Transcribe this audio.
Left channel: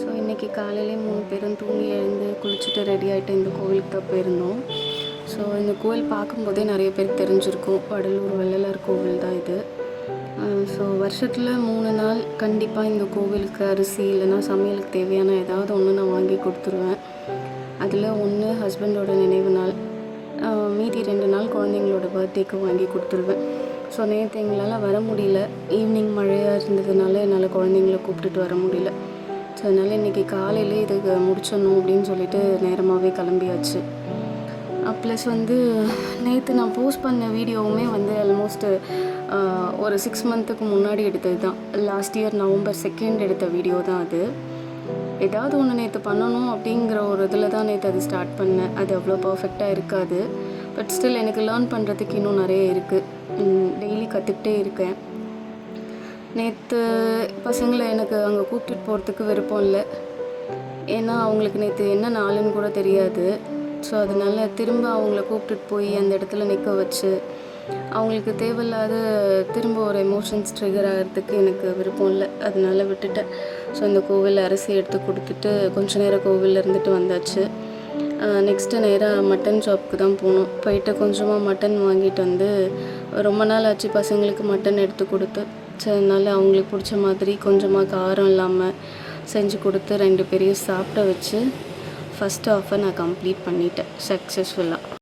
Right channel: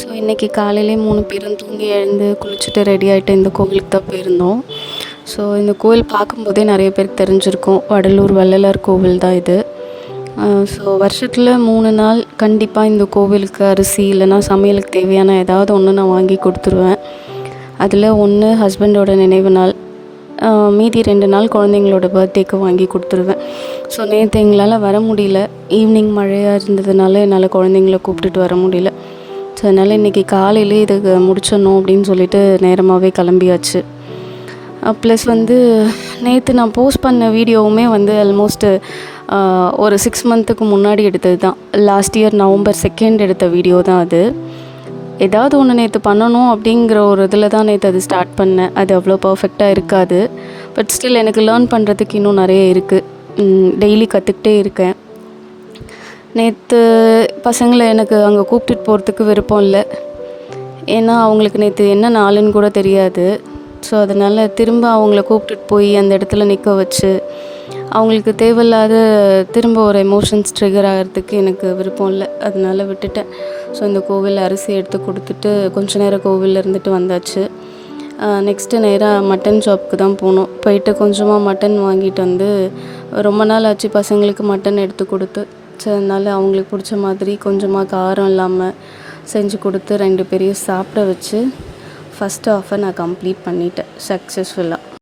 So இன்றைக்கி காலையிலே 3 பேரும் தூங்கி எழுந்து குளிச்சுட்டு ரெடி ஆகிட்டு இந்த கோவிலுக்கு தான் போயிருந்தோம். ஸோ இந்த கோவில் பார்க்கும்போதே நிறைய பேருக்கு தெரிஞ்சிருக்கும், வடலூர் வள்ளலார் கோவில் தான் இது. ஸோ வருஷத்தில் 3 நாள் கண்டிப்பாக இந்த கோவிலுக்கு அரிசி இல்லைனா சமையலுக்கு தேவையான ஏதாவது ஒன்று நான் வாங்கி கொடுத்துருவேன். அதில் ஒன்று ஹஸ்பண்டோட நினைவு நாள், மீதி 2 நாள் குழந்தைங்களோட பர்த்டேக்கு வாங்கி கொடுத்துருவேன். ஸோ நேற்று எங்களால் வர முடியல, ஈவினிங் மழையாக இருந்ததுனால என்னால் குழந்தைங்கள கூப்பிட்டுட்டு வர முடியல. ஸோ அதனால் இன்றைக்கி காலையிலே இதுக்கு முடிச்சிடணும் அப்படின்னு சொல்லிட்டு நேரமாகவே கிளம்பியாச்சு. ப்ளஸ் நேற்று நான் போஸ்ட் பண்ண வீடியோவுமே ஆல்மோஸ்ட்டு ஒரு 6 மந்த்துக்கு முன்னாடி எடுத்தது தான். லாஸ்ட் இயர் November 2 எடுத்த வீடியோ தான் அது. ஏதாவது ஒன்று நேற்று பண்ணணும் அப்படிங்கிற ஒரு இதில் தான் நேற்று அது ஸ்டார்ட் பண்ணேன். அது அவ்வளோ பர்ஃபெக்டாக இருக்காது, பட் ஸ்டில் எனக்கு லேர்ன் பண்ணுறதுக்கு இன்னும் நிறைய இருக்குது. டெய்லி கற்றுக்கிட்டே இருக்கேன். நேற்று பசங்களை எனக்கு அங்கே கூப்பிட்டுட்டு போகிறதுக்கு விருப்பம் இல்லை, ஏன்னா அவங்களுக்கு நேற்று என்ன நாளுன்னு கூட தெரியாது. ஸோ அதனால் திரும்ப அவங்கள கூப்பிட்டுட்டு போய் அந்த இடத்துல நிற்க வச்சு அவங்களுக்கு தேவையில்லாத திரும்ப ஒரு எமோஷன்ஸ் ட்ரிகர் ஆகிறதுக்கு எனக்கு விருப்பம் இல்லை. அதனால் விட்டுட்டேன். ஸோ இந்த கோவிலில் அரிசி எடுத்து கொடுத்துட்டு கொஞ்ச நேரம் கோவிலில் இருந்துட்டு வந்தாச்சு. நெக்ஸ்ட்டு நேராக மட்டன் ஷாப்புக்கு தான் போனோம். போயிட்டு கொஞ்சமாக மட்டன் வாங்கிட்டு ரொம்ப நாள் ஆச்சு பசங்களுக்கு மட்டன் எடுத்து கொடுத்து. ஸோ அதனால் அவங்களுக்கு பிடிச்ச மாதிரி கொஞ்சமாக காரம் இல்லாமல் செஞ்சு கொடுத்து 2 பேரையும் சாப்பிட வச்சு ஃபஸ்ட் ஹாஃபை நான் கம்ப்ளீட் பண்ணிட்டேன் சக்ஸஸ்ஃபுல்லாக.